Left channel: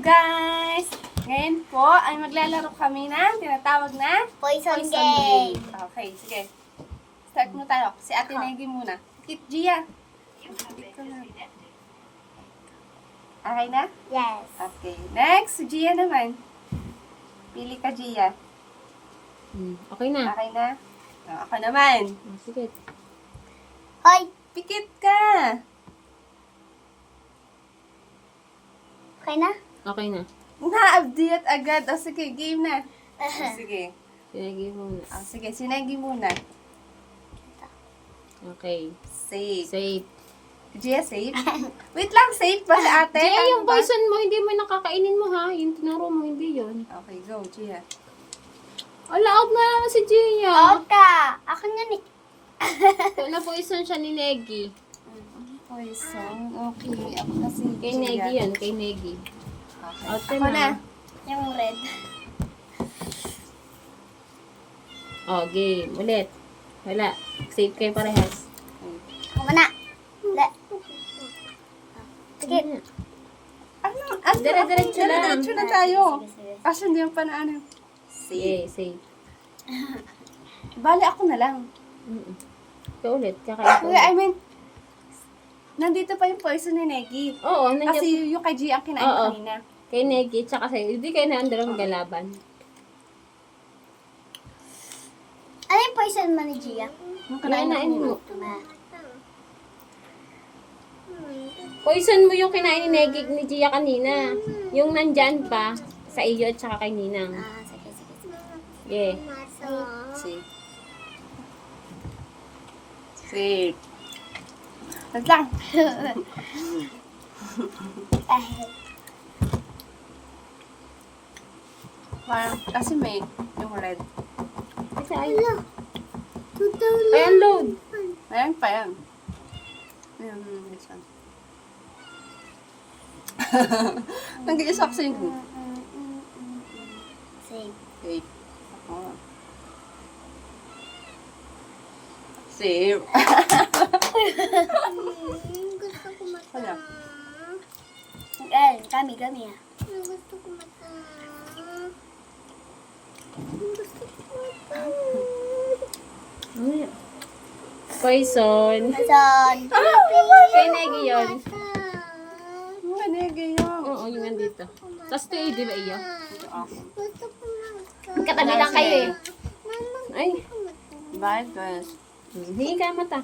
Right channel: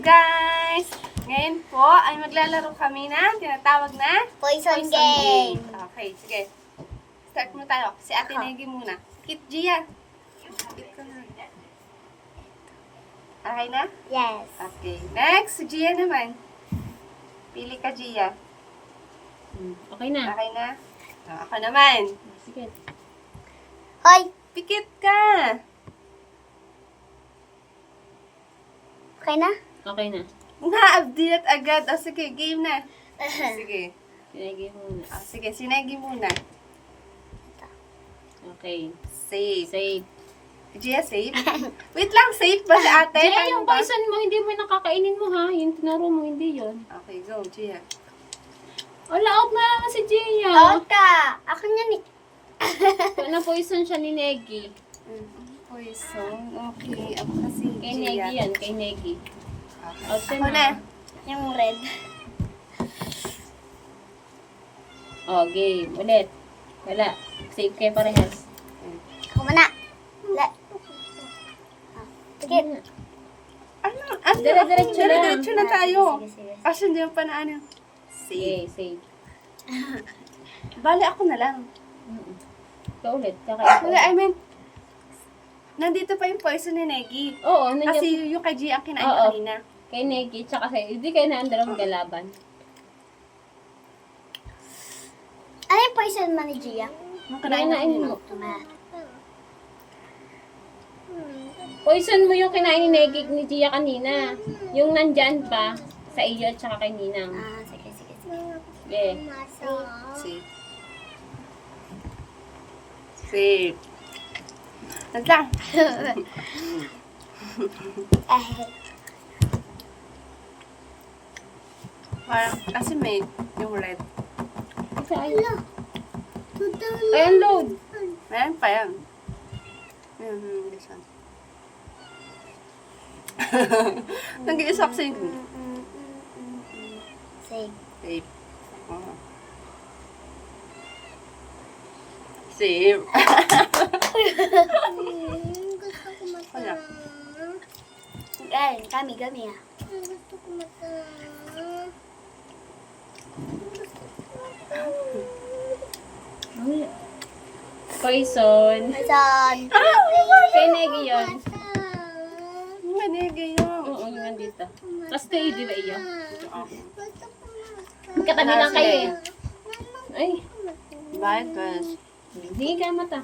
guys! Ngayon po ay maglalaro kami ng tinatawag na Poison game. Okay, sige. Start mo tayo. Si Ate Negi muna. Kit Gia. Kit ko na. Okay na? Yes. Okay. Next, si Gia naman. Pili ka, Gia. Okay na. Okay na? Ako naman. Sige. Hoy, Pikit ka. okay na? Okay na. Na-update agad. O sige, game na. Sige. Sinagay mo na. Sige, sinegi muna. Okay. Safe. Save. Gia, safe? Wait lang, safe ba si ate? Jia, Paano yung ba? poison mo, hindi mo nakakainin mo ha. Yung tinuro mo, hindi yon. Okay, go, Gia. Wala, out na naman si Gia. Ota, ako yan eh. Na-poison siya ni Negi. Poison. Okay, ako kasi Kay Gia. Negi yan, kay Negi. Okay. Out Ako na. Yung red. Oh, game. Ulit. Wala. Save kayo parehas. Ako muna. Sige. Ano? Dire-diretso lang. Dire-diretso na tayo. Sige, sige. Kasi hindi pa na ano. Sige, save. Bali ako na lang. Ikaw ulit. Kakain Kuya, I mean, nandito pa yung poison ni Negi. Oo, nandiyan. Kasi yung kay Gia ang kinain Oo. kanina. Kay Negi, tsaka sa'yo. Hindi kayo na ang dalawang galaban. Ano yung poison mo ni Gia? Yung kinain na Kinain mo. Tama. Poison mo yung kinain ni Negi ni Gia kanina. Yung nandyan pa sa iyo at saka kay Ninang. Sige, sige, sige. Yeah. Safe. Safe. Wait lang. Parang, kasi may yung red. Kasi ayun. Ayan, load. Ayan pa yan. This one. Nag-iisok sa inyo. Save. Safe. Oh. Safe. Wala. Ay, kami ah. Poison. Poison. Kay Negi yun. Manigay yun. Oo, yung nandito. Tapos kayo, di ba iyo? Ito ako. Katabi lang kayo eh. Ay. Bakit, guys? Hindi ka mata.